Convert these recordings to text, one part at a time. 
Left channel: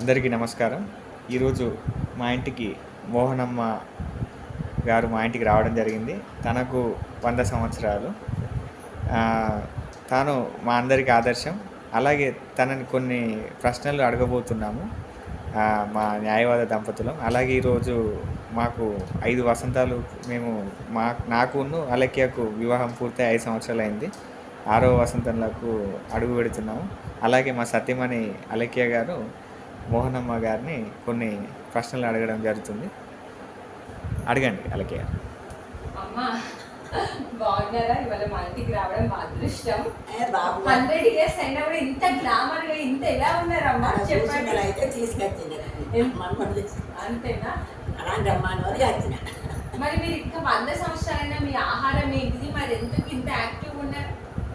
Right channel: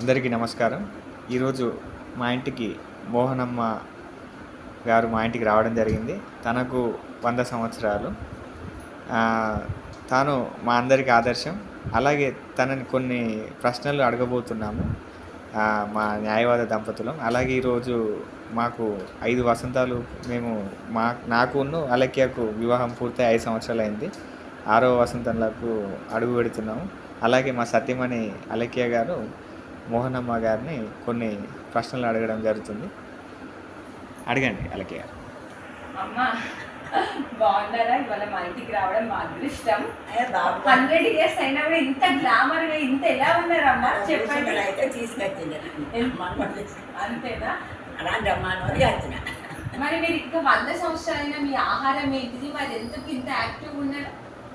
అందరికీ నమస్కారం. ఈరోజు మా ఇంటికి మోహనమ్మ గారు మా ఇంటికి రావడం జరిగింది. తనకు 100 సంవత్సరాలు. తాను మా అందరికి ఆదర్శం. అలాగే తనని కొన్ని ప్రశ్నలు అడగబోతున్నాము మా న్యాయవాద దంపతులం. అలాగే ఈరోజు మాకు 5 వసంతాలు నాకును అలక్యకు వివాహం పూర్తయి 5 సంవత్సరాలైంది. 6వ వసంతంలోకి అడుగు పెడుతున్నాము. అలాగే మా సతీమణి అలక్య గారు మోహనమ్మ గారిని కొన్ని ప్రశ్నలు అడగడం జరుగుతుంది. అడగండి అలక్య గారు. అమ్మా బాగున్నారా? ఇవాళ మా ఇంటికి రావడం మా అదృష్టం. 100 years అయినా కూడా ఇంత గ్లామర్ గా ఇంత ఎలా ఉన్నారమ్మా చెప్పండి. అయితే తీసుకొచ్చింది అంతేనా? అలాంటి మరి మీరు ఇంకా 100 సంవత్సరాలైనా మీ ఆహారం ఏంటిది? మరి ఎందుకు ఇంత యాక్టివ్ ఉన్నారు?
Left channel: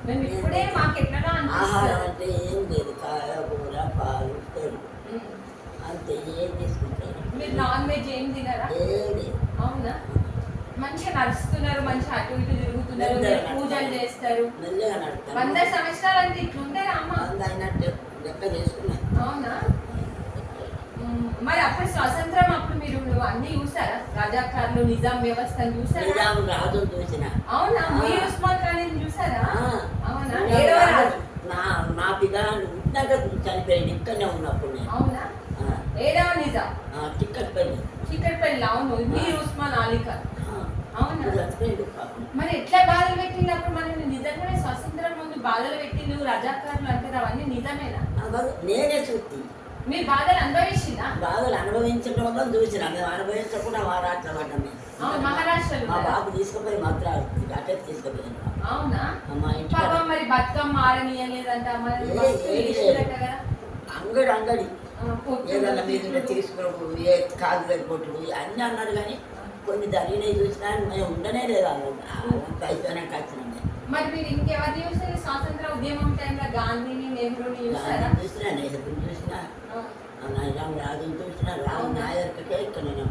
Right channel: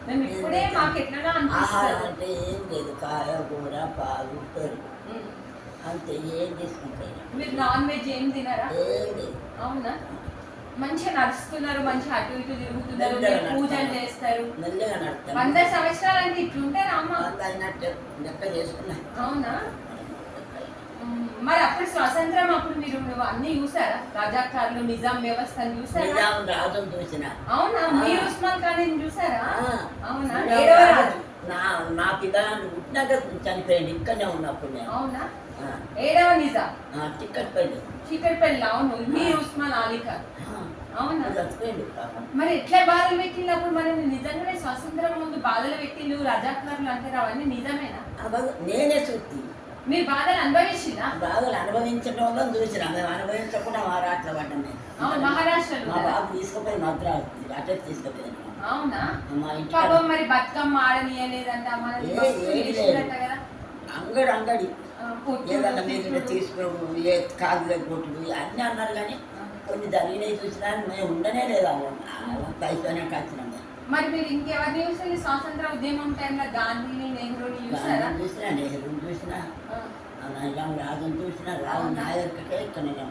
మేము ఇప్పుడే మాకు ఎట్లా ఆహారం అంటే ఏం లేదు, కాయ కూర పాలు పెరుగు అంతే. ఏం తీసుకుంటారు? మీరు నాన్ వెజ్ ఏం తినరా? ఏం లేదు. అవునా? మంచిగా నడుస్తున్నారు, మంచిగా అటు ఇటు తిరుగుతున్నారు, పూజలు చేస్తారు. 100 సంవత్సరాలు అంటే ఇట్లుంటారా అమ్మ? లెక్క చేసుకున్నా. అవునా? మరి అప్పుడు స్వాతంత్రం అప్పుడు మీరు అన్ని చూసారా? రజాకార్లు, నిజాం వ్యవస్థను చూసారా? రాజును చూసిన. అవునా? మీరు ఉస్మాన్ ఖాన్ చూసారా? అవునా? నా పిల్లలు పుట్టినాక చనిపోయింది, ఇక్కడనే ఉన్నప్పుడు నేను. అవునా? 7వ నిజాం చిక్కటిపల్లి. అవును. మీరు ఉస్మాన్ అలీ ఖాన్. అవునా? చనిపోయింది. మరి ఎట్లా బాధలు పెట్టినప్పుడు మరి నిజంగానే స్వాతంత్రం ముందు బాధలు పెట్టిండు రజాకార్లు అంటారు, అవన్నీ నిజమేనా? నేనే చూసి మీరు బాధలు అనుభవించిందా? బాధలు అనుభవించడం వల్ల చూసిన. మేము అనుభవించకుండా మహారాష్ట్ర పడ్డాం. మహారాష్ట్రలో మా బాబు తీసుకుపోయి మద్రాసు అటే తీసుకుపోయాను. అవునా? మా ఇంట్లో మరి బతుకమ్మ ఆడనీయలేదంట అంగడి ఏదన్నా మీరు తీసుకోవడం, ఏ కాదు కొట్టుడు అన్నీ అన్నారు. కానీ కొన్ని జరిగినవి చూసినా మేము ఉండనే లేదు. అంత అయిపోయినాక వచ్చినాం. మరి మీరు ఇంకెవరిని చూసారు? స్వాతంత్ర ఉద్యమం టైంలో గాంధీని, నెహ్రూని చూసారా? చూసినా, నెహ్రూని చూసినా, రాజుని చూసినా. రాజు నాయకుడికే ఇక్కడ నేను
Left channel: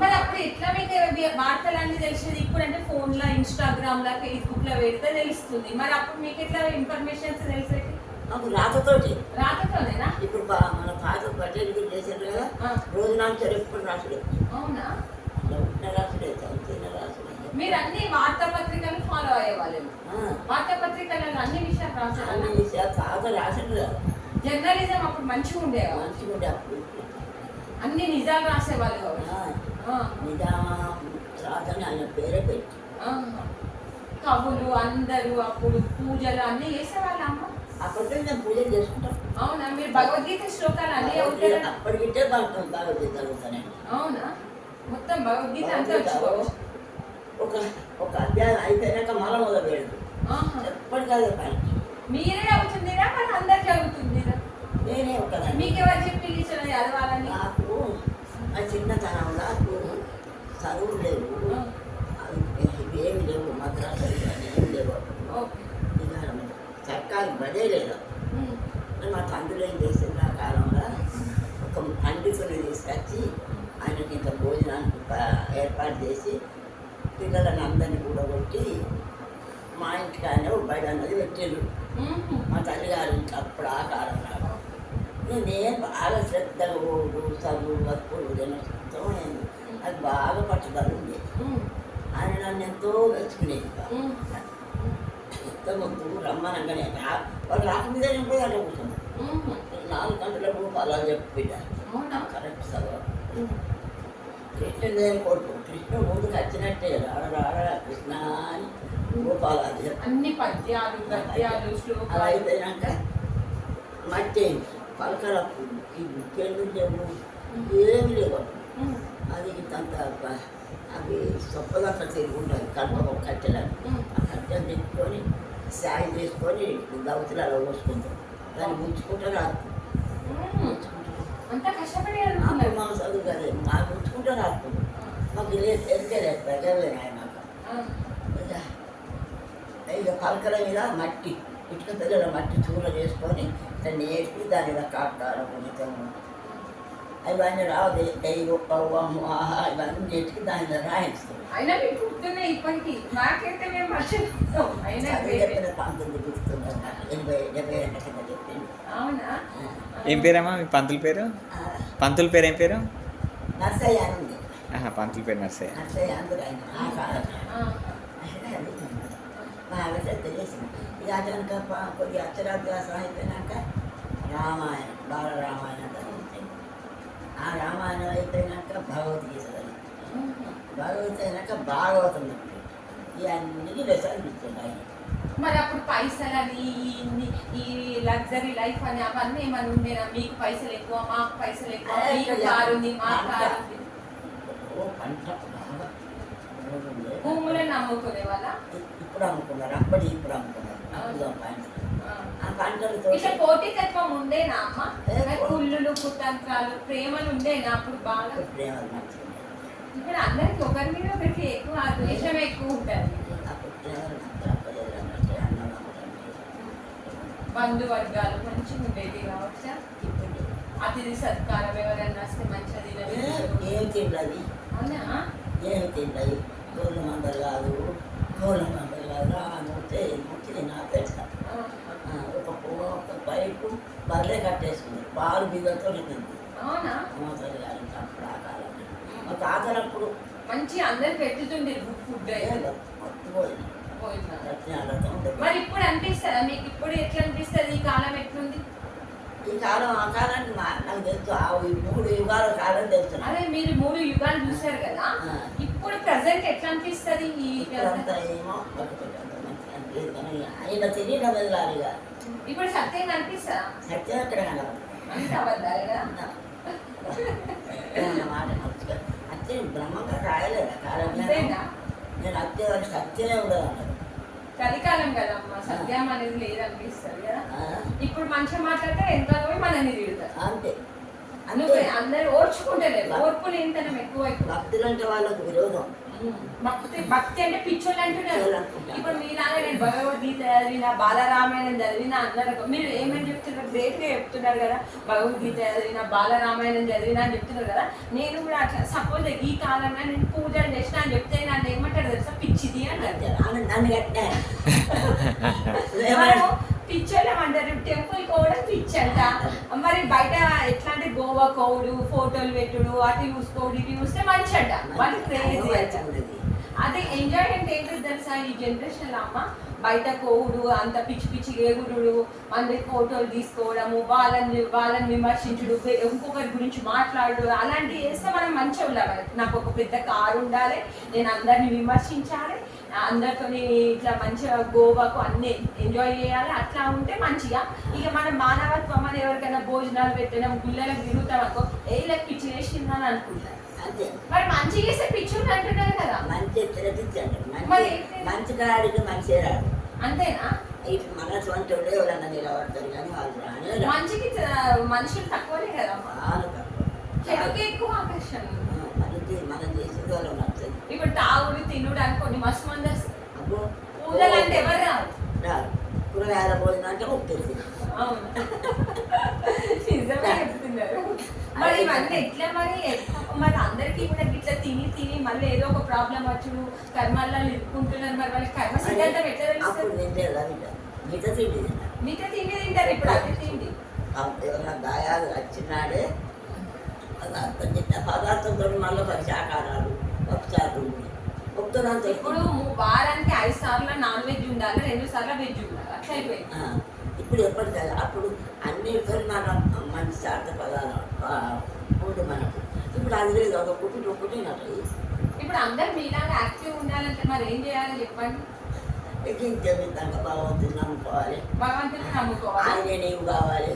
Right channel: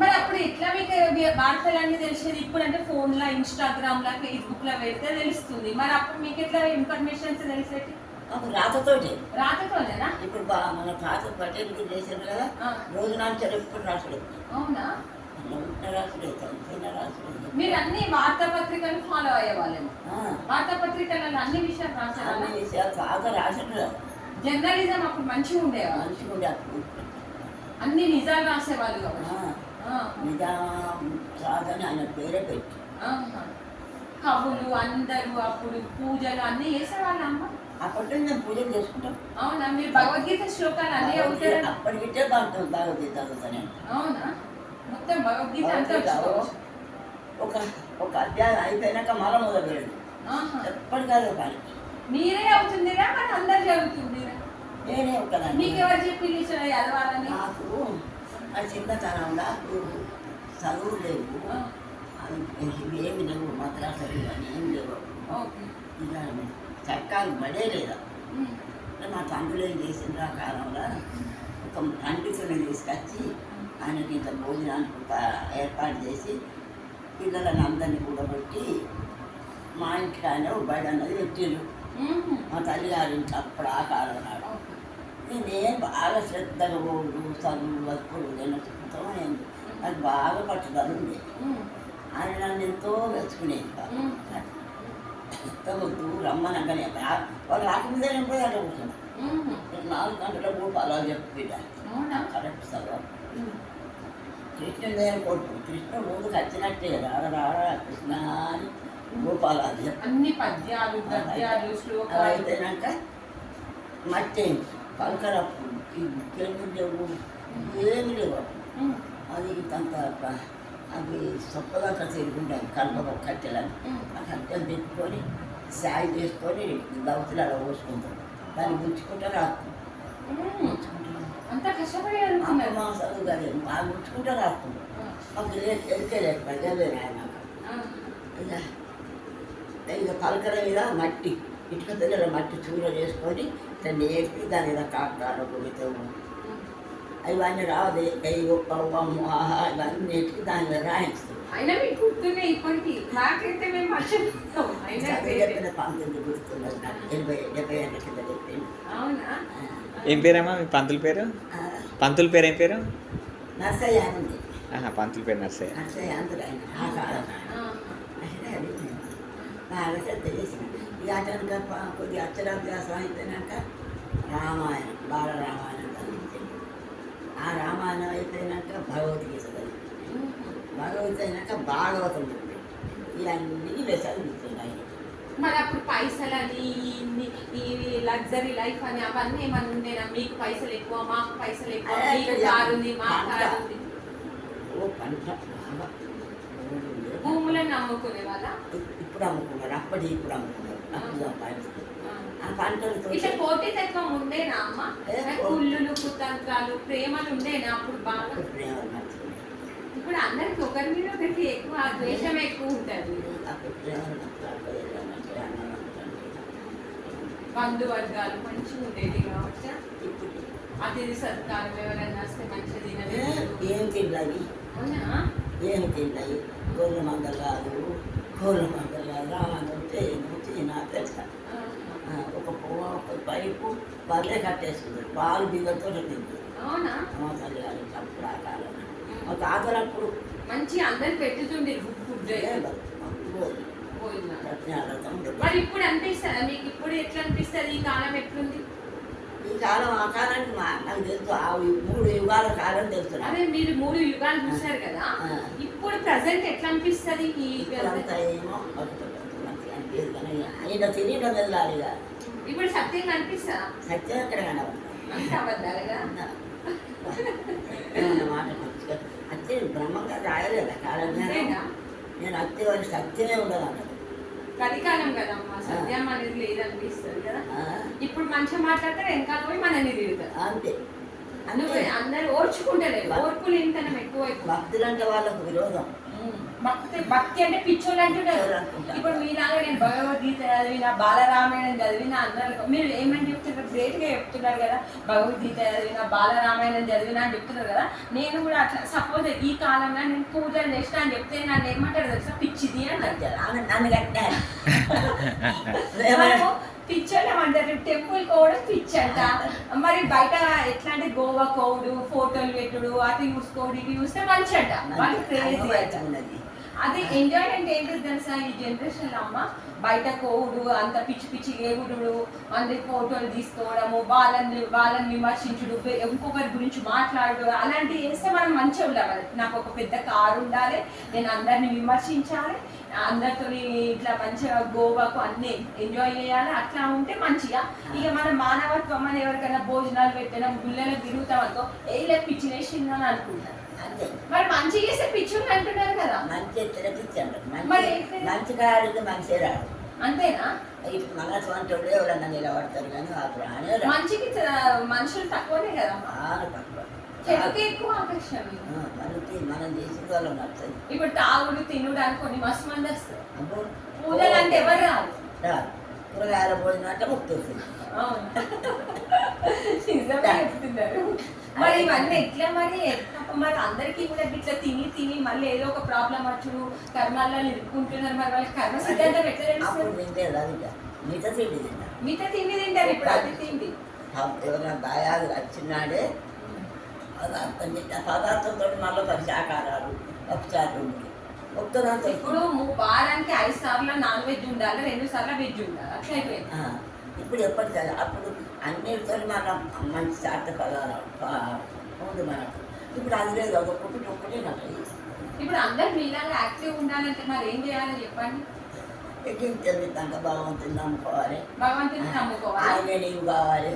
మరి అప్పుడు ఎట్లా మీకు వార్తలన్నీ తెలిసేది? ఇప్పుడు అంటే ఫోన్ లో, ఇన్స్టాగ్రామ్ లో, ఫేస్బుక్ లో పెడితే తెలుస్తుంది. మరి అప్పుడు మీకు ఎట్లా ఇన్ఫర్మేషన్స్ తెలిసేది? రాతతోనేనా? ఇప్పుడు మన పాత పటేల్ చేశారు కదా, రోజు నాడు ఎప్పుడు రాసుడు. అవునా? రాసుడే, చదువుతున్న రాసుడే. మీరు అన్ని వార్తాపత్రికలు ఫాలో అయ్యేవాళ్ళేమో. వార్తాపత్రికలలో అన్ని విషయాలు రాసారు. అన్ని విషయాలు తాత రాసాడు కదా. జర్నలిజం అప్పుడు మంచిగా ఉండేవా? మంచిగా ఉండే. అప్పుడు అన్ని నిజాలు రాసేవాళ్ళు. నిజాం రాజని ఆయన పేరే పెట్టి కవులు అందరూ అప్పుడు పూజలు అన్ని చేసేవాళ్ళు అమ్మ. అప్పటికే మేము పూజలు చేసుకుంటాం. అవునా? మీరు భగవద్గీత శ్లోకాలు అన్నీ అవుతారు? అప్పటికిట్టే భగవద్గీత అవుతానండి. అవునా? మొత్తం భగవద్గీత అంతా ఒక అధ్యాయం అయిపోయినాక మళ్ళీ మొదలు పెడదు. ఎప్పటి కాదు కానీ మీరే అవుతుందిరా? మరి అందరు చదువుతుందిరా? నేనే ఒకదాన్ని. మీకు ఎవరు చెప్పి చదవాలని? నాకు నా చిన్నతనం నాకు చదువులు లేవు, అవి ఏమి లేవు. మద్రాసులు కానీ ఏమి లేవు. ఇక చట్టాలు పడే లేదా. మా తండ్రులు ఏం చేసిండ్రు ఆ కాలంలో, ఒక పండితుని తీసుకొచ్చి ఆయనకి ఇంత భోజనానికి ఏర్పాటు చేసి పిల్లలని అందరినీ కూడబెట్టి మా ఇంటికి ఆయన బడి అన్నది పెట్టిండ్రు. మా తల్లిగారి ఇంట్లో అప్పుడు ఆ కాలం నాడు. నేను బాగా శ్రద్ధగా ఓడు చదువులు వస్తువులు తినడంతో నేను అది బాగా పట్టుదల ఉంది. ఆయన నన్ను ఎంతో మెచ్చుకునేది. ఎంత వద్దు రమ్మనగానే వాళ్ళు రాకముందే నేను పోయి అట్లా కూర్చున్నాను. 4 గంటలకు అలా చెప్పి పెట్టాను. కరెక్ట్ చదవ కృష్ణుడే కొడుకు. కృష్ణుడు ముందుకు వచ్చినట్టే రాడ కృష్ణ అని గోపాలాలు అన్ని పద్యాలు గద్యాలు శ్లోకాలు. అలా అయిపోయినాక మట్టి పలకరప్పు ఈ చెల్లు లేవు, ఏమి లేవు. అది అంత అవి సొప్పదంతా తిరుగుంటాయి. కలుప కట్టెలని ఆ కట్టెలు తెచ్చుకొని సాయి చేసుకొని దవతులు అలా పోసుకుంటాం. దాన్ని ముంచుకుంటా రాదు. అంత కష్టపడి మా చదువు కానీ మా ముంచుకుంటా రాస్తుంది. మాకు ఎరికేలేదు ఆయన. ఇక పలకల మీద మట్టి ఇటుక పిల్లల మట్టి చూర చేసుకొని దాన్ని వేసి దాని మీద కాకాల కొనితాము. అవన్నీ రాదు ఇవన్నీ నెట్టుకు దాన్ని రాయించుతాం అయినా మీకు గుర్తున్నాయి ఇప్పటికి, నాకైతే మేము మర్చిపోతాం. అయినా great. చెప్పిన పంతులు గుర్తున్నారు నాకు 70 ఏళ్ళ కింద చెప్పింది. అవునా? ఏం పేరమ్మా మీ పంతుల పేరు? పంతుల పేరు ఏం పేరు? నర్సయ్య అని ఉంది. పంతుల పేరు నర్సయ్య. నర్సయ్య అందరూ ఆయన ఆ కాలం అయితే అది బాగా శ్రద్ధ చేసింది. ఇక అతనికి కొద్దిగా అక్షరాభ్యాసం అయిపోయినాక రామాయణం బాలరామాయణం చదివించింది. ఆ రామాయణం అయిపోయినాక భగవద్గీత చదివింది. భగవద్గీత అయినాక భాగవతం చదివింది. ఇవన్నీ చదివించింది ఆయన. మరి అప్పుడు పైసలని ఈ లగ్జరీ లైఫ్ అని అవన్నీ ఏమన్నా ఉండేనా? మీకు పైసలు ఎక్కువ, మాకు పైసలు ఎక్కువ, మీకు కారు ఉంది, మాకు కారు ఉంది. ఓ పంట బాగా భూములను అమ్ముకునే వాళ్ళ ఇప్పుడు అమ్ముకున్నారు. అప్పటి ఇప్పుడు అమ్ముకున్నారు. అప్పుడు పంట ఆ పంటలతో ఇట్లా పోటీతత్వం ఉండేనా అమ్మ? కుళ్ళులు కుతంత్రాలు ప్రేమలు ఉండేనా అప్పుడు బాగా? ప్రేమలు మంచిగా ఇప్పుడు అందరికి ఒకరి మీద ఒకరికి ఎక్కువ ద్వేషం ఎక్కువ ఉంటుంది. అప్పుడు ప్రేమలు మంచిగా అప్పదంటే అన్నం అంటే బంధువర్గాలు మంచిగా ఉండేది కావచ్చు. ఇప్పుడు అతిథి సత్కారం ఎవరైనా వస్తే మంచిగా తినలేదు. ఏం తిన్నాయి అవునా? ఏమి తిన్నాయి కోళ్ళ మందలు కాదు రాను చేయను నా పెద్ద ఒక పువ్వు ఒక పైపు బర్రె కట్టేసుకుంది పాలు బియ్యంతో తింది. అవునా? మా తల్లి గారు అప్పుడు ఆ కాలం మా తాతలప్పుడు మంచి అందరు పెట్టుతుండే ఫుడ్ మర్చిపోయింది పోయినా. సత్యనారాయణ ఉండదు. మరి ఇప్పుడు అనిపిస్తుందా మీకు? ఇప్పుడు ఎట్లా అనిపిస్తుంది? ఈ కాలం ఎట్లుంది? ఈ కాలం ఆ కాలానికి నాకు తెలుసు ఆ 3 యుగాల కాలం తెలుసు నాకు. అదే మీరు 3 యుగాలు చూసారు కదా, ఇప్పుడు ప్రజెంట్ ఎట్లా అనిపిస్తుంది? ఈ ఇప్పుడంతా ఏమో బతుకుతుంది మంచిగా అనిపించదు కానీ ఆయన తెలియడం ఎదురాలిగా ఇప్పుడు సత్యం అనిపిస్తుందా? సత్యం ఎక్కడ కనబడుతుంది అంత అబద్ధాలుగా. ఏమన్నా మాట మంచిగా అత్తే బ్రహ్మంగా రాయలేదా కాలం అంతేనా? నేను అత్తే వారికి సత్యమే ఉండదు అన్నారు. కలికాలం కదమ్మా, సత్యం అనేది లేదనిపిస్తుంది కదా. ఇప్పుడు మంచిగా మాట్లాడితే వెనకాల పోయి మనల్ని తిరుగుతారు. అంతే నువ్వు అందరు ఓర్చుకుంటలేదు, ఓర్పు లేనితనం ఎక్కువ. భక్తులు అంటే వాళ్ళకు విరోధం. భక్తి అంటే పిచ్చోళ్ళు అంటున్నారు. ఇప్పుడు మీలాగా నేను భగవద్గీత చదివిన, బాలరామాయణం చదివిన అందరు మీరు ఏమని చెప్తున్నారు? గ్రేట్ గా చెప్తున్నారు కదా, భగవద్గీత చదివిన, బాలరామాయణం చదివిన అని చెప్తున్నారు కదా. నేను కూడా అట్లా సపోజ్ ఈ కాలంలో నేను పూజలు చేసిన అని చెప్తే నన్ను ఏమంటారు తెలుసా? పిచ్చిది అంటారు. నన్ను కట్టినా పిచ్చోళ్ళం అంటారు. టెంపుల్ కోవడం పిచ్చంట. మరి బయట ఎట్లా అంటే గోవా కోవుడు, ఫోటోలు పెట్టుడు, అటు చూసుకోడు, ఇటు చూస్తే మంచి అంట. వాళ్ళు క్రేజీ అంట. అదే ఎంజాయ్మెంట్ ఏంటో తెలుసా ఈ జనరేషన్ లో అమ్మ? బయట కోవుడు, అంత పిచ్చి పిచ్చి ఎగుడు, అందరి ఫోటోలు తీసుకోవడము, వాళ్ళని విమర్శించుడు, ఇంకొకరి గురించి మాట్లాడు, అలాంటివి చేస్తే మనం మంచిగా ఉండాలి. నాకు ఒక పెద్ద కారు ఉండాలి, నేను అందరిని విమర్శించాలి, అందరితో ఇట్లా మంచిగా గోవాకు అన్ని ఎంజాయ్ చేయాలి. అట్లా ఉంటే మంచిగా. ఇక మన మానవత్వం అని ఎవరికైనా భోజనాలు పెట్టినా గుళ్ళలకు తిరుగుతాం అనుకో, ఏ పిచ్చి వేసిందని అనుకుంటారు. అంతే మరి మంచి చేసే పిచ్చుని అంటున్నారు కదా. మంచి పిచ్చి అంటారు. మంచి కాడికి మంచి రాడు. అంతేనా? ఇప్పుడు మన సొంత ఎవరన్నా నిలబడతారు కానీ వాళ్ళు రానే మంచికి మనుషులు తక్కువనే కదా. చాలా తక్కువ. చెడుకి ఎక్కువ ఆకర్షణ. మనం చేసిన వాళ్ళు నచ్చదు. ఇప్పుడు తాగుడు తినుడు అనుకోండి మస్తు మంది వస్తారు. అబ్బో పూజలు అంటే ఎవరు రాదు. రాదు. కూరగాయల భోజనం అంటే ముక్తుంది. అవును, నిజమే చెప్తున్నారు. మరి ఇవన్నీ ఎట్లా మరి? మరి అందరికీ కూడా ఇట్లా తిని తిని మళ్ళీ ఏదో ఒక ప్రాబ్లం వచ్చుడు, కర్మల్లో ఇరుక్కుంటున్నారు. మరి వాళ్ళకి కర్మ సిద్ధాంతం ఎట్లా తెలుస్తుంది? మిగతా తిండి తింటారు. మిగతా తిండి తింటారు. ఇప్పుడు అది తిండి ఎవరైనా బాగా వచ్చినాడే పదార్థం తింటారు. పదార్థంతో మళ్ళీ 10 శాకారాలు ఒకసారి ఒక్కదాంతో. ఇప్పుడు వారానికి 5 సార్లు నాన్ వెజ్ ఉండాలి, 2 సార్లు వెజ్ ఉండాలి. అట్లా అయిపోయింది. ఇప్పుడు ఎప్పటికీ అప్పుడు అన్నిటితో మనం మంచి శాత పదాలు ఉంది మనకు. ఇప్పుడు అది లేదు, ఒకటి నాకు. ఇప్పుడు అందరు మీలాగా యాక్టివ్ ఉండాలంటే మరి ఏం చేయాలి చెప్పండి? ఎక్కించేందుకు భగవంతుని నమ్ముకోవాలి. భగవంతుని నమ్ముకోవాలి. ఆయన నీవు కావాలి,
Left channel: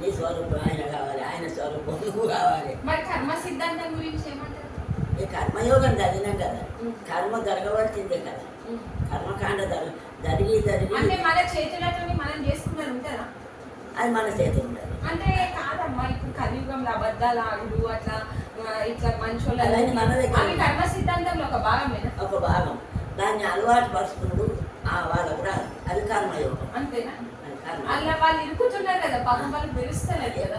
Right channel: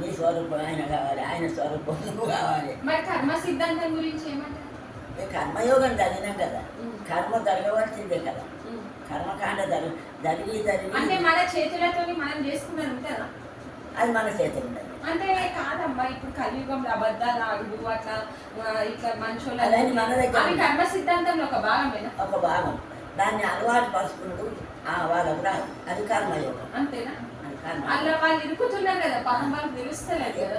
నీ స్వరూపం ఆయన కావాలి, ఆయన స్వరూపం నువ్వు కావాలి. మరి కర్మ సిద్ధాంతం గురించి ఏమంటారు? ఈ కర్మయోగం చదివినాం కదా, కర్మ జరగవలసిందే కదా. కర్మకాండ జరిగి అంటే మన చేతులతో మనం చేసుకున్నది ఉంటుందా? అది మన చేతులు ఉండదు. అంటే కాదమ్మా, ఇప్పుడు కలియుగంలో అబద్ధాలు ఆడు అట్లా ఇట్లా మంచోళ్ళు అవన్నీ మన దగ్గర అవి కర్మ సిద్ధాంతంలో ఒక భాగమేనా? ఒక భాగం. దాన్ని అలవాటు పరుచుకున్నాడు వాళ్ళకు రాదు. అది కర్మయోగం. అంతేనా? అది కర్మ. అలా వాళ్ళు ఇరుకుతున్నారు కదా, పాపం వాళ్ళు తెలుస్తలేదు కదా.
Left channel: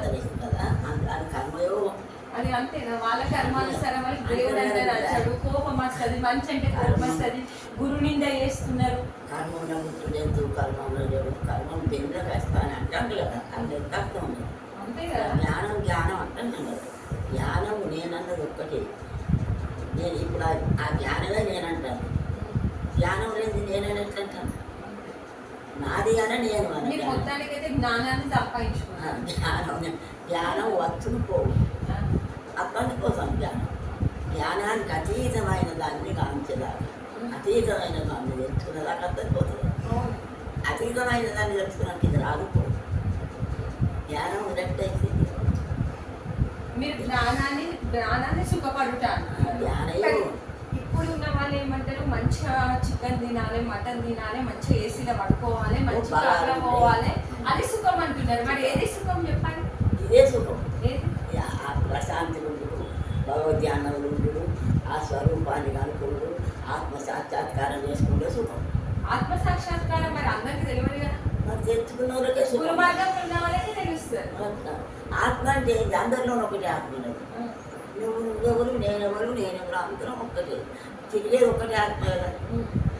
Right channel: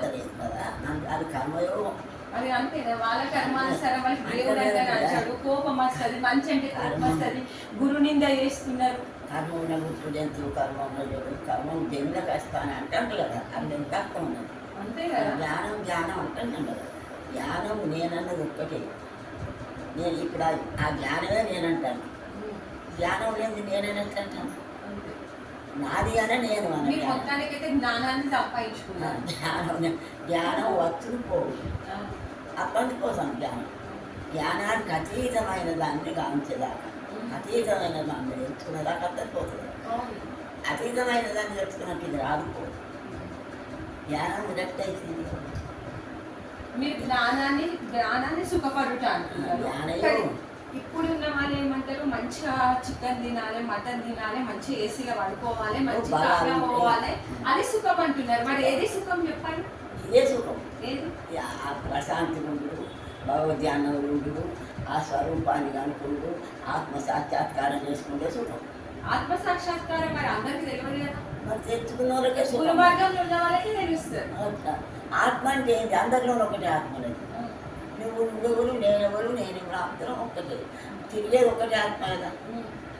అది కర్మయోగం. అది అంతేనా? వాళ్ళ కర్మానుసారం వాళ్ళకి దేవుడు అంటే నచ్చాడు, కోపం వస్తుంది, మంచి అంటే కోపం వస్తుంది, గురు నింద చేస్తున్నారు. కర్మ ఉన్న ముట్టు జంతువు కర్మ ఉన్న చెడు కర్మం దేవుళ్ళకి వస్తాను అంటాను కదా, అది ఎంత అర్థం ఉన్నది. అంతే కదా. జ్ఞానం జ్ఞానం అంటున్నాను కదా, జ్ఞానం నేనన్నది ఒక్కటే. నేను ఇప్పుడు ఆ జ్ఞానమే నేనంటాను, జ్ఞానం లేదు నేనని ఎట్లా అంటాను? నాది అనే నేను మీరు మొత్తానికైతే జ్ఞానాన్ని సంపాదించుకున్నారు. జ్ఞానం వచ్చును పోవు, అతని కోసం జ్ఞానం. జ్ఞానానికి అతీతమైన దాన్ని కాంచేదాకా, అతీతమైన దాన్ని తెలుసుకునేదాకా అతని పోతుంది. అతీతమైన దాన్ని తెలుసుకున్నాక ఇది రాకపోదు. జ్ఞానం ఉన్నట్టయితే మీరు జ్ఞానాన్ని సుఖపడుట అంటున్నారు. జ్ఞానయోగం. ఇప్పుడు ఉన్న వాళ్ళు ఏమంటారు, మంచిగా చికెన్ తినాలి, మటన్ తినాలి, మంచిగా ఏసీలో పడుకోవాలి, మంచి కాలం పోవాలి, అది సుఖం అంటున్నారు. మరి ఏది సుఖం చెప్పండి? ఇదే సుఖం. ఏది? ఆ ప్రశాంతి ఉండు, భగవద్ధ్యానం ఉండు, ఆ స్వరూపాన్ని కనుకుంటూ ఆత్మ సాక్షాత్కారం చేసుకుంటే సుఖం. ఆత్మ సాక్షాత్కారం మరి అందరికి తెలియదు కదా. మరి తెలుసుకున్న వాళ్ళకే పూర్వ సుఖం. మార్గంలో ఉన్న వాళ్ళకి తెలుస్తుంది. ఆత్మ అంటే ఏంటి? అందరిలోనూ ఒకటే ఆత్మ లేదు. నువ్వెవరు నేనెవరు అందరం ఒక్కటే. తిరిగేది ఒక్కటే ఆత్మ కదా.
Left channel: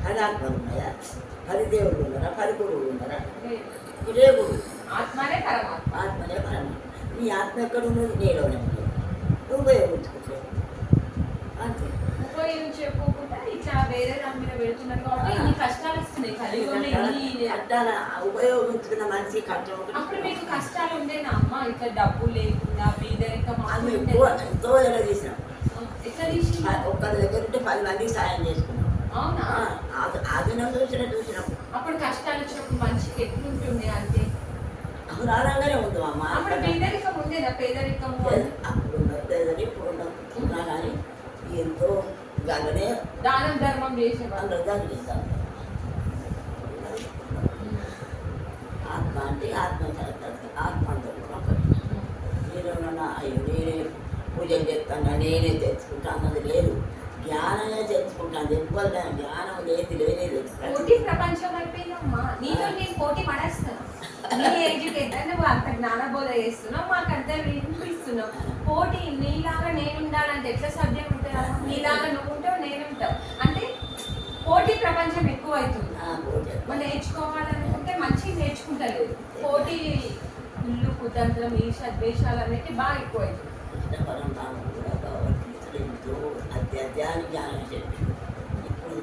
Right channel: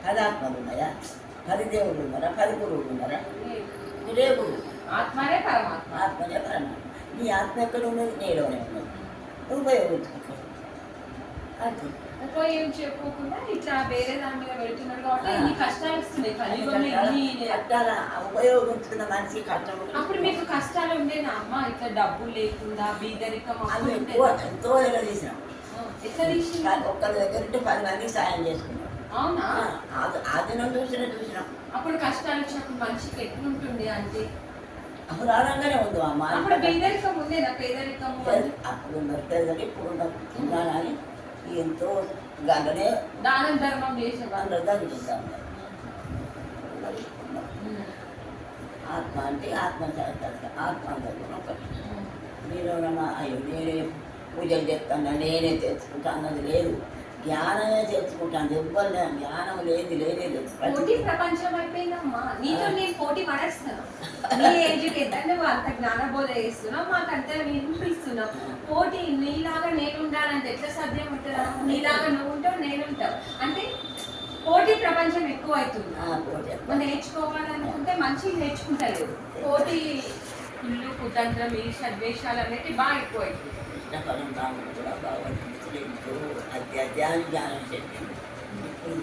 10 ఆత్మలు ఉన్నాయా? 10 దేవుళ్ళు ఉన్నారా? 10 గురువులు ఉన్నారా? ఒకటే గురువు. ఆత్మనే పరమాత్మ. ఆత్మనే పరమాత్మ. నీ ఆత్మ ఎక్కడ ఉన్నది? నీలోనే ఉన్నది. నువ్వు ఉపయోగించుకోవచ్చు అంతే. ఉపయోగించుకోకుండా ఇట్లా వేరే దాని మీద పెడుతున్నారు కాబట్టి ఇన్ని కష్టాలు వస్తున్నాయి. కట్టాల ఉపయోగించుకున్న మనిషి కష్టం. అప్పుడు మీకు కష్టాలు ఉండేనా అమ్మ? ఇట్లా డబ్బు లేకుండా బీదరికం అది ఎంతో దగ్గర తీసినాం. ఎట్లా తీసి ఒక్కరి దగ్గర ఉంటే 10 మందికి సాయం చేసుకున్నాం. అవునా? అది నన్ను చూసినాం. అప్పుడు కష్టాలు వచ్చినప్పుడు మనిషికి ఎట్లుంటుంది అంటే రాగానే ఉంది అమ్మ. అప్పుడు బీదరికం ఉండేనా? పేదరికము అప్పుడు ఉన్నది ఇప్పుడు ఉన్నా కానీ ఎంతో గంటనే దానం ధర్మం చేసేవాళ్ళు. అందరూ దాన్ని చేస్తా ఉంటారు. ఆత్మ అంటే ఆత్మ ఆత్మ ఒకటి. మీరు అయ్యో నేనే పూజలు చేస్తాను, నేనే తెచ్చుకుంటా అన్నది లేదు. జ్ఞానమే తెచ్చుకుంటాను. ఎవ్వరు జ్ఞానం లేదు లేదు. పోటీ ప్రపంచం అయిపోయిందమ్మా. నీతో నేను పోటీ పడేస్తున్నావు. నీ ఏజ్కి ఎంత నువ్వు అంత జ్ఞానబోధ చేస్తున్నావు, మాకు అంత వినిపిస్తున్నావు. పోటీ నీలాగా నేను ఉండాలంటే ఎట్లా సాధ్యం అవుతుందా? నీలాగా నువ్వు ఉంటావు, నేను ఉంటావు అంటే పోటీ ప్రపంచం ఎక్కువ అవుతుంది. మనం నేర్చుకోవాలనుకుంటే మంచిగా నేర్చుకుంటలేదు. పోటీ ఇల్లు కుతంత్రం ఈ సద్వేషాలు అనేవి బాగా ఎక్కువ అవుతుంది. కృష్ణపరంధాముడు కూడా భగవద్గీతలో ఎంతో అధ్యాత్మాన్ని జ్ఞానం చెప్పింది. ఇప్పుడు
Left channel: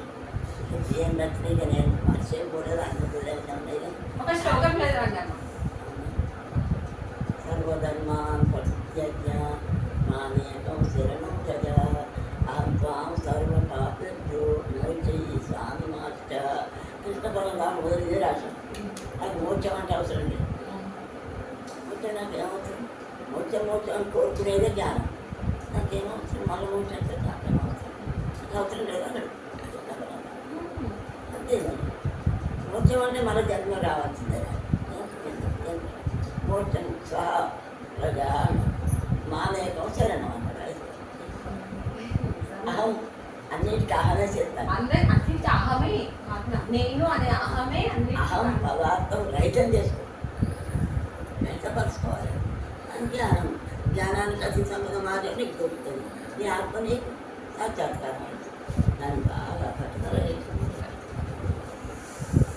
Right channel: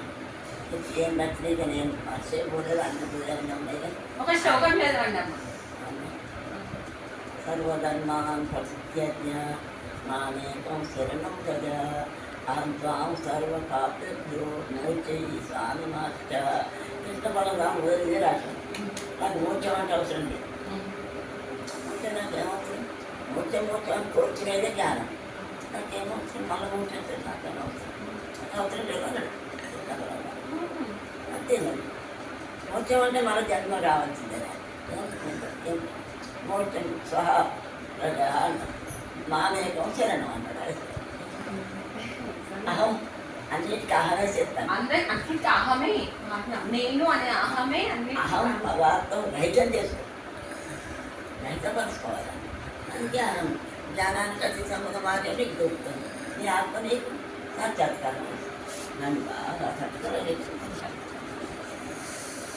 ఏం నచ్చినాయి నేను మర్చిపోలేదు, అన్ని దూరంగా ఉన్నాయి కానీ ఒక శ్లోకం చదవండి అమ్మ. సర్వధర్మాన్ పరిత్యజ్య మామేకం శరణం గజ అహం త్వాం సర్వపాపేభ్యో మోక్షయి స్వామి మాస్ట. కృష్ణ పరంధాముడు వదిలిదే రాశాం. నాకు మోక్షం అంటే అవసరం లేదు. మోక్షం నాకేమవుతుంది? మోక్షం అని కోరుకునేదే జ్ఞానం. నాకేమవుతుంది? మళ్ళీ మోక్షం అంటే నాకేమవుతుంది? నాకు అవసరం లేదు అన్నాడు కృష్ణ పరంధాముడు. అంతేనండి. మోక్షం అంటే మరో జన్మ రావాల్సిందే. మోక్షం సహా ప్రజ మామేకం శరణం అన్నాడు. అహం అన్నిటికీ అహమే చేస్తాను. అన్నిటికీ అహమే నేను అనే అహమే అహం పదార్థం రహితం చేసుకో, రహితపరచుకోవాలి. అని జ్ఞానం. జ్ఞానానికి అతి సంబంధం మాత్రమే నీకు దొరుకుతుంది. నీ ఆత్మ నీకు సాక్షాత్కారం. నన్ను బాగా పట్టుదల చేసుకుంటాను.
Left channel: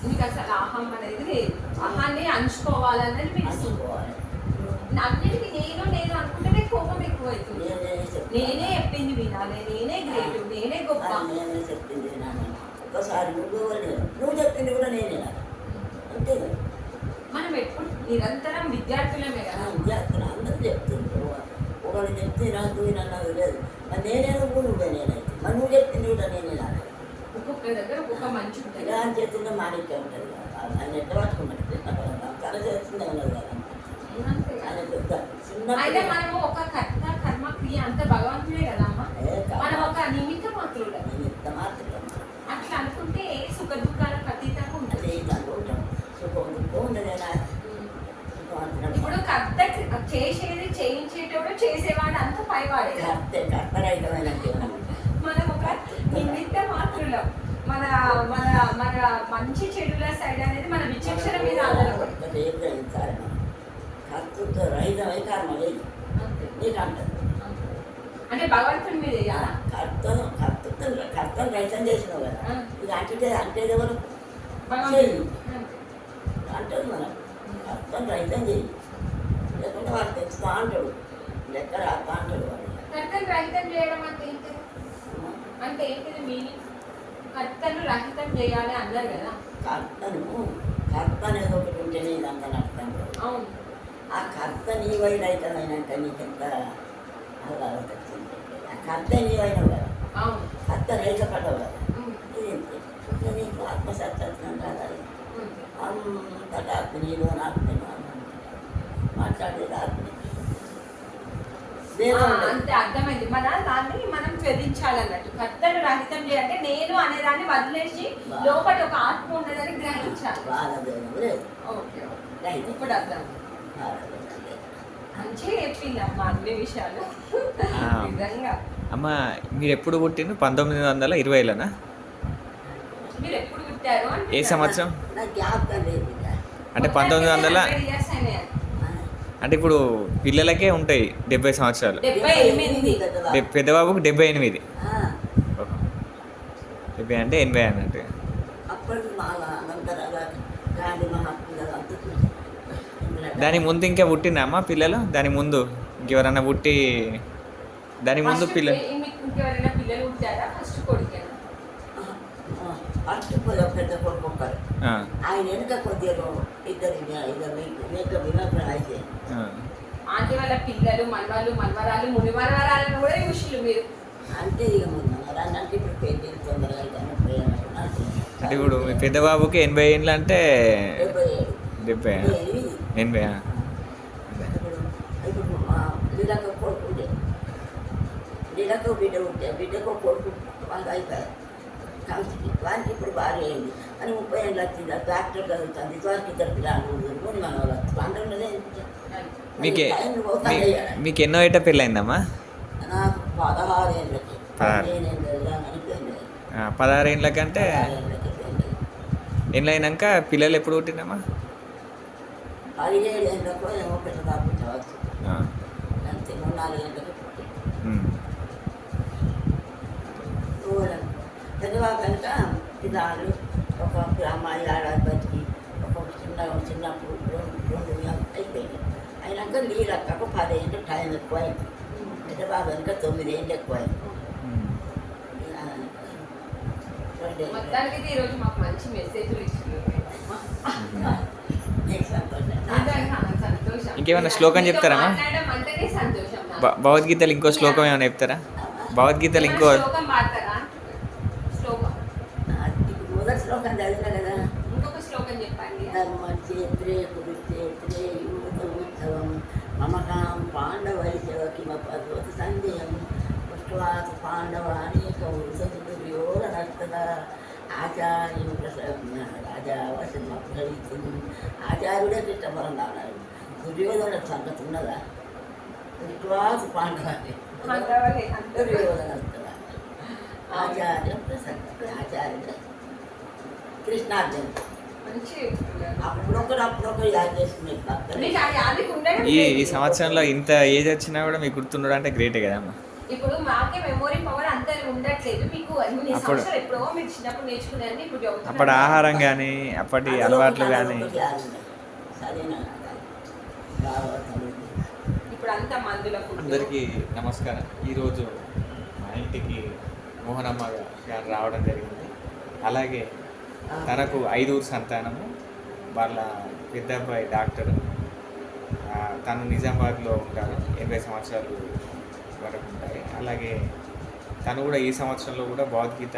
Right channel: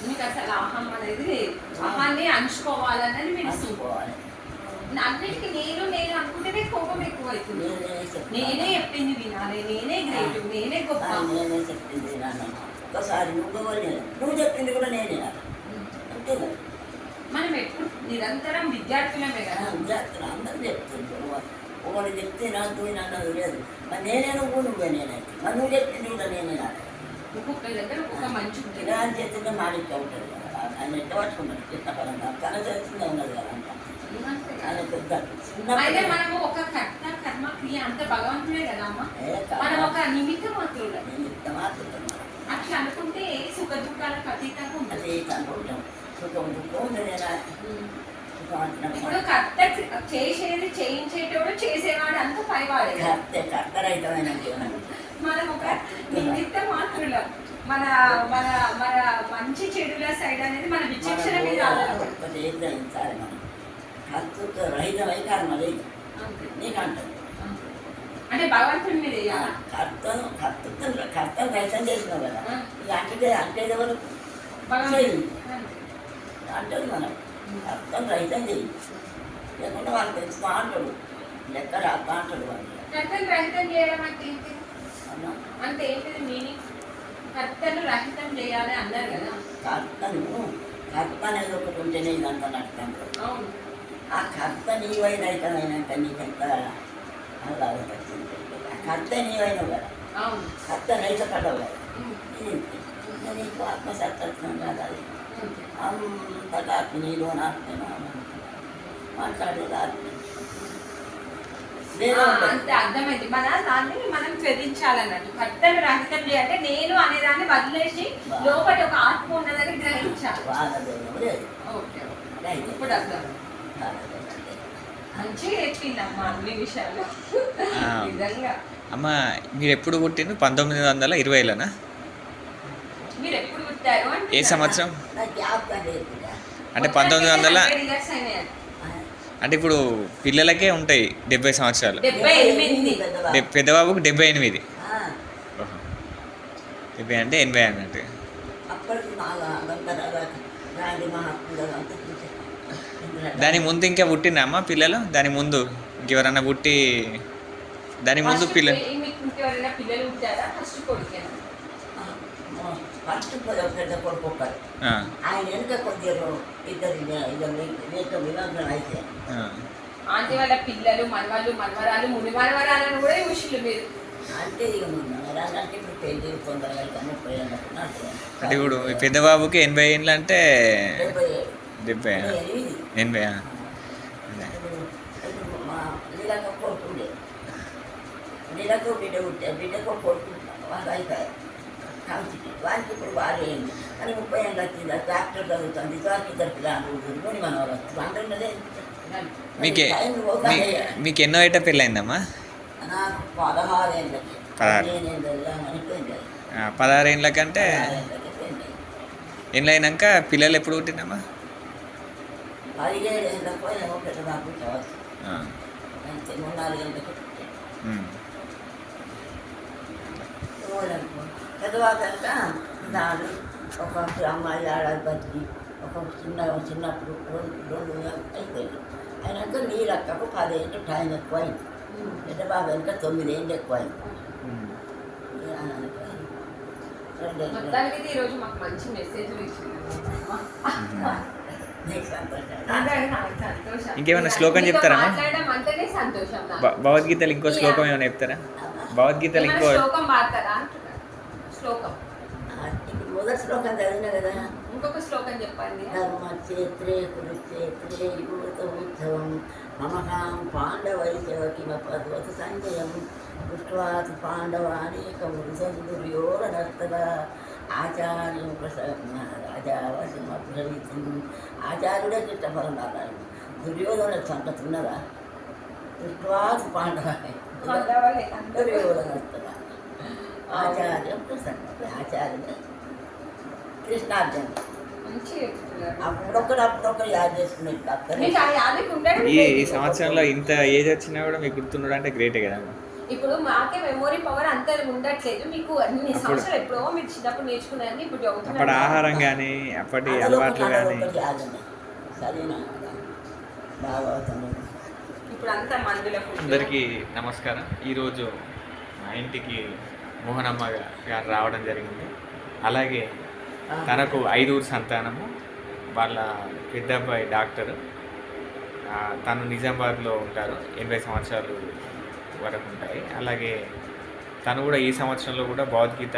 మీకు అసలు అహం అనేది లేదు. అహాన్ని అంచుకోవాలనేది మీకు చూసుకోవాలి. అన్నిటికీ నేను నేను అనుకుంటేనే కోపం ఎక్కువ అవుతుంది. నేనే చెప్పింది వినాలి, నేనే గ్రేట్, నేనే గొప్ప. నేనే చెప్పింది వినాలి. ఒకసారి నువ్వు చెప్పింది కూడా నేనే అంతే కదా. మనం ఎప్పుడు నిరంతరం విద్యార్థులమే కదా. విద్యార్థులు అందరూ చెప్తుంటారు. ఒకరు చెప్తే నాకు అన్నది లేదు. మరి నేనే నువ్వే నేనైతే. మరి నువ్వు చెప్పింది కూడా నేనే నానే. ఒక్కొక్కరి దగ్గర ఒక్కొక్క మంచి ఉంటుంది. ఇలా అని చేస్తుంటే మాడిక ఉంటుంది. ఆయన ఎట్ట పట్టుకుంటాడు కృష్ణపరంగా. తన చేస్తుందే ఉన్నది కదా అంట. ఆయన పెద్ద అయితే మనము ఒక కర్మ క్రియ అంత భగవంతుడే కదా అమ్మ. మనం ఒక నిమిత్త మాత్రులు. అట్లా అనుకుంటే సుఖ దుఃఖాలకు అతీతంగా ఉంటుంది. సుఖం దుఃఖం ఉంది. ఇప్పుడు కర్త చేసేది చేయించేటోడు చేసేవాడు అంత పైవాడే. కర్తరహితమైన మనం ఒక నిమిత్త మాత్రులం. మన మన మన మంచి చెడుల సైడ్ అనేది మన విచక్షణ మీద గ్రహించాలి. మనం కర్తృత్వ రహితమై కర్మ లేదు నీకు అంటుంది. అంటే భగవంతుడి మీద వేయాలా? కర్తను రైతం చేసినావు కదా, ఆ. ఇక అంటే ఎవరు భగవంతుడి చెయ్యి. అంతే. అంటది మనం కర్తను రైతం చెయ్యి, లేకుంటే వాళ్ళు తెచ్చుతా అంటాడు, లెక్క రాస్తా అంటాడు వాళ్ళు. కర్తను రహితం చేయడం అంటే ఏంటి? అమ్మా, అంటే ఏంటిది మీనింగ్? కర్తను రహితం చేయాలి అన్నారు కదా. కర్త అనేది ఒకటి ఉంటేనే ఇదంతా నష్టం కదా. అవును. ఆ కర్త నీవైనాక నీకెంత ఆహ్లాదం వచ్చింది. ఆ కర్త నీవైనవు కదా, అవును. కర్త రైత పడవు కదా. ఉమ్. ఇది నీకు ఆత్మసత్వం కాదు, అది అంతే. అంతటా ఆత్మ నీలో ఆత్మను మాట్లాడేది ఆత్మ ఆ, అంతే అర్థమైంది. దాన్ని మనం త్యజించాలన్నట్టు. కర్తను రహితం చేయాలంటే నేను అనేదాన్ని వదిలేసి లోపల ఒక ఆత్మ ఉన్నదని గ్రహించాలి. బాధదేమో లేదు, ఓకే ఓకే. రైతు ఇప్పుడు అర్థం. బాధదేమో లేదు. మంచిగా చెప్పిందమ్మా అన్ని విషయాలు. ఆ. నిజంగా. అమ్మ మీరు ఎప్పుడు పుట్టిండు? 1920లోనా? మీరు ఎప్పుడు పుట్టారు అంటే ఏ సంవత్సరం? నాకు జ్ఞాపకం లేదు ఇక. అంటే 1900. ఇయర్స్ అయినాయి. అంటే ఇప్పుడు పిల్లలకే ఉంటాయి 70 సంవత్సరాలు. 78. పెద్దబాబుకు 78. ఆ, ఓహో. 70 అంటే 80 అన్నట్టు. అప్పటికి బాగా గాంధీ మహాత్ములు అంతా చూశాను. దాని ముందు ఇంకా పుట్టిందా అమ్మ పిల్లలు? దాని ముందు ఇంకెవరన్నా పుట్టి దాని ముందు పిల్లలు? మీకు ఇంకెవరైనా పిల్లలు పుట్టారా? ఫస్ట్ కొడుకేనా? ఫస్ట్ పెద్ద కొడుకు ఒక్కరు, ఆ, ఆయన వెనుక కొద్దిగా ఇద్దరు వినోదం అయితే ఆ. ఆంటీ వాళ్ళ పిల్లలు, మనవాళ్ళు, మనవరాలు, ముని మనవరాలను కూడా చూసిళ్ళు మీరు. అంతే ఇక మొన్న అన్నట్టు ఇప్పుడు పెళ్లి తొందరగా అయితే 30 ఏళ్ళు అంటే ఇప్పుడు మీ పెద్దబాబుకి 80 ఏళ్ళు అంటే 70 80. ఇప్పుడు మా లీలకు కొడుకు ఉండే, లీలకు బిడ్డ ఉంటే బిడ్డకు కొడుకు వాళ్ళు అయిపోయారు కలిసి. వారికి ఇప్పుడు భార్య అయింది కానీ 30 ఏళ్ళు వచ్చింది. ట్రాక్టర్ చదువుతుంది, వారికి ఇద్దరు పిల్లలు ముని మన వాళ్ళు అందరిదే. మీకే మీకు ఎన్నో ఏట పెళ్ళయిందమ్మా? నాకు 16 ఏళ్ళకి 16. 15 ఏళ్ళు అనిపోయింది. 16 ఏళ్ళ కంటే 16 ఏళ్ళకి పోయింది. ఏళ్ళు అయినాక పిల్లలు ఎప్పుడు పుట్టిందమ్మా? 17 ఏళ్ళకు ఏమో పెద్ద బాబు చదవచ్చు, ఆ. అంతే 4 ఏళ్ళకి పుట్టింది. ఉమ్. పెద్దవాళ్ళు కనుక ఇదాలు ఒక అమ్మాయి ఆడాలి బతికి ఒక చిన్నప్పుడు రెండు అయిపోయింది. అయినాక నీళ్ళక్కకు 10 ఏళ్ళు టైం ఎక్కువ అయింది. పెద్దబాబు కనుక 9 ఏళ్ళు ఎక్కువ అయింది. ఉమ్. మొత్తానికి అయితే ఈరోజు మాకు మంచి మెసేజ్లు ఇచ్చింది. సంతోషం. ఇంకేమైనా శ్లోకం మీతో చెప్తారమ్మా? మాట్లాడడం అంటేనే సంతోషం నాకు. భగవద్గీతలు ఇంకో శ్లోకం ఏమైనా చెప్తారా? భగవద్గీతలు ఏమైనా ఇంకో శ్లోకం పాడతారా అంటున్నా. శ్లోకం ఇప్పుడు మొదటి శ్లోకం చదివినా కదా, ఇంకొక శ్లోకం చెప్పండి. ధర్మక్షేత్రే కురుక్షేత్రే యూతోత్సవం మమకాం పాండవైశవకిమపద్వత సంజయం దృష్ట్వాత్ పాండవానేక వృషదుర్యోగనర్తద ఆచార్యం రాజావశమబ్రవీతం. ఆచార్యుడే ఇష్టపడాలి. దుర్యోధన సంగతి ఉన్నదా? దృష్ట్వాత్ పాండవాని పాండవులే అందరూ. దుర్యోగనర్తద ఆచార్యం ప్రసన్న ఆచార్యుడే కృష్ణార్జున. మంచి చెప్తున్నారు. అప్పుడొకరు యాడ్ చేసుకునే మీకు ఆ యాదికి ఉండడం ఈ లేదు. సంవత్సరంలో ఇంత ఏజ్ వచ్చినా కూడా మీకు గుర్తుండడం అంటే గ్రేటే కదమ్మా. ఇప్పుడు మాకే మెమొరీ పవర్ అంత ఉండట్లేదు. మీకు అన్ని సంవత్సరాలు ఎప్పుడో మీరు చిన్నప్పుడు నేర్చుకున్నారని ఇప్పుడు అప్పటి చదువుతున్నారు. ఆహారం కానీ అప్పటి అలవాట్లు కానీ. ఇప్పుడు అంతా మందుల food. అందరికీ నమస్కారం. ఈరోజు మా ఇంటికి మోహనమ్మ గారు రావడం జరిగింది. అలాగే తనకు 5 సంతానము. వాళ్ళ పెద్ద అబ్బాయి డాక్టర్, తను నిజామాబాద్లో ఉంటారు. 80 సంవత్సరాలు వరకు ఉంటాయి. అలాగే తను కూడా ఈ సంవత్సరంలో కూడా భగవద్గీత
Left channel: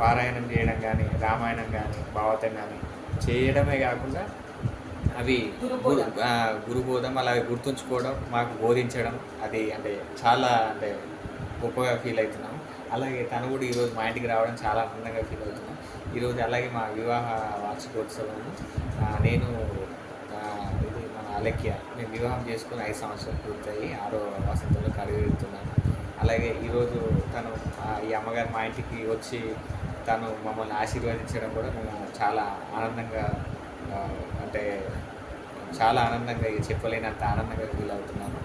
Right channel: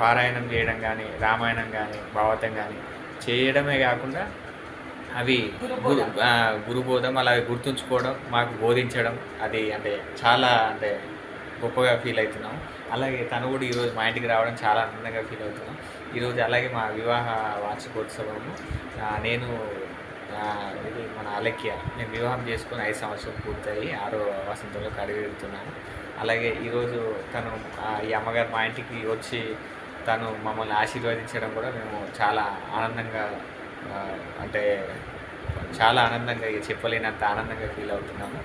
పారాయణం చేయడం కానీ, రామాయణం కానీ, భాగవతం కానీ చేయడమే కాకుండా అవి గురుబోధం అలాగే గుర్తుంచుకోవడం, మాకు బోధించడం, అది అంటే చాలా అంటే గొప్పగా ఫీల్ అవుతున్నాం. అలాగే తను కూడా ఈరోజు మా ఇంటికి రావడం చాలా ఆనందంగా ఫీల్ అవుతున్నాం. ఈరోజు అలాగే మా వివాహ వార్షికోత్సవము. నేను ఇది మన అలక్య, మేము వివాహం చేసుకుని 5 సంవత్సరాలు పూర్తయి 6వ వసంతంలో అడుగుతున్నాను. అలాగే ఈరోజు తను ఈ అమ్మగారు మా ఇంటికి వచ్చి తను మమ్మల్ని ఆశీర్వదించడం కూడా మేము చాలా ఆనందంగా అంటే చాలా ఆనందంగా చెప్పలేనంత ఆనందంగా ఫీల్ అవుతున్నాము.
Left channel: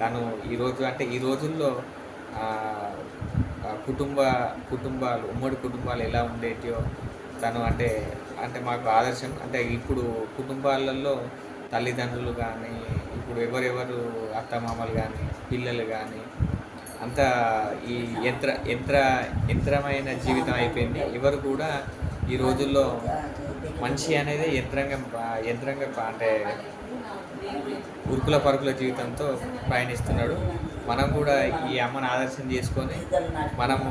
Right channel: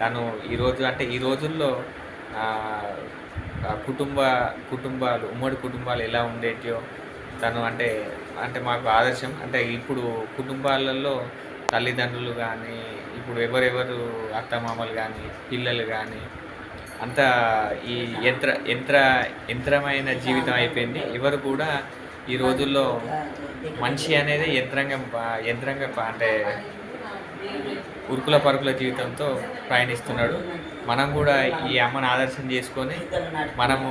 తను ఈరోజు అంటే ఈ రోజుల్లో ఆ, ఆ కుటుంబాలు ఉమ్మడి కుటుంబాలు ఎలా ఉండేటియో తను అంటే అంటే మాకు ఆదర్శం. అంటే ఇప్పుడు కుటుంబాలలో తల్లిదండ్రులు కానీ ఇప్పుడు ఎవరెవరు అత్తమామలు కానీ పిల్లలు కానీ అంతా ఈ యంత్రమైన జీవితం అయిపోయింది. ఎవరు కూడా ఈ రోజుల్లో మనిషి అనేది యంత్రంగా అంటే ఉరుకుల పరుగుల జీవితంతో ప్రయాణిస్తున్నాడు. మనం కూడా ఈ అమ్మను ఆదర్శం చేసుకొని మనము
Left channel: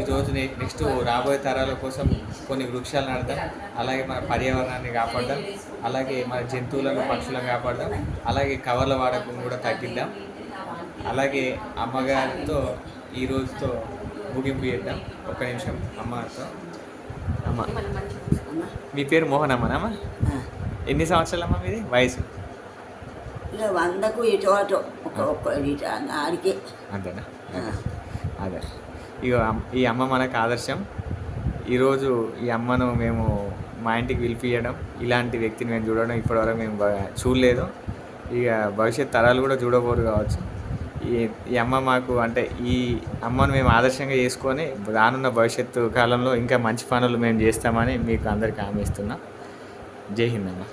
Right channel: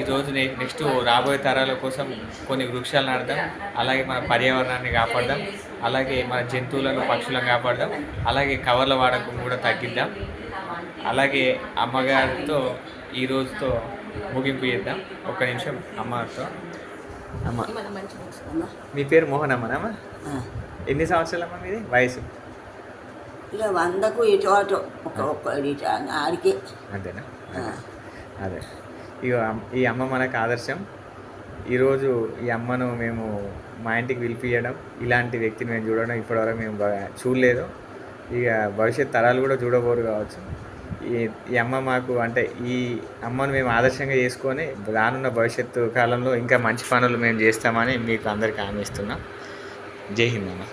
ఈరోజు నెక్స్ట్ రాబోయే తరాల కోసం కొన్ని వృక్షాలు నాటుదాం, అలాగే మన పర్యావరణాన్ని కాపాడదాం, అలాగే మన జంతువులను పక్షులను కాపాడదాం, అలాగే కవర్ల వాడకం కూడా తగ్గిద్దాం. అలాగే అమ్మగారితో ఈ రోజుతో ముగింపు చేద్దాం. ఒక్క నిమిషం అమ్మతో. అమ్మ మీ పేరు మోహన్ అమ్మనమ్మా? ఎన్ని సంవత్సరాలమ్మా మీది వయసు? ఇక 100కు ఇటు అటు ఒక్క ఇటు ఆడికే. అంతేనా? అదే ఇక ఈ అమ్మ మనకు ఆదర్శం. ఈరోజు ఈ అమ్మను మేము మా ఇంటికి పిలిపియడం, ఇలాంటి వ్యక్తిని మేము చూడడం ఇప్పటివరకు మేము చూడలేదు. ఇక భవిష్యత్ తరాలు కూడా చూడబోరు కావచ్చు. ఈ అమ్మ మాకు అంటే ఈ అమ్మను మేము ఆదర్శంగా చేసుకొని రానున్న భవిష్యత్తు కాలంలో ఇంకా మంచి పనులు మేము చేస్తామని మీకు అందరికీ హామీ ఇస్తున్నాం. జై హింద్ అమ్మ.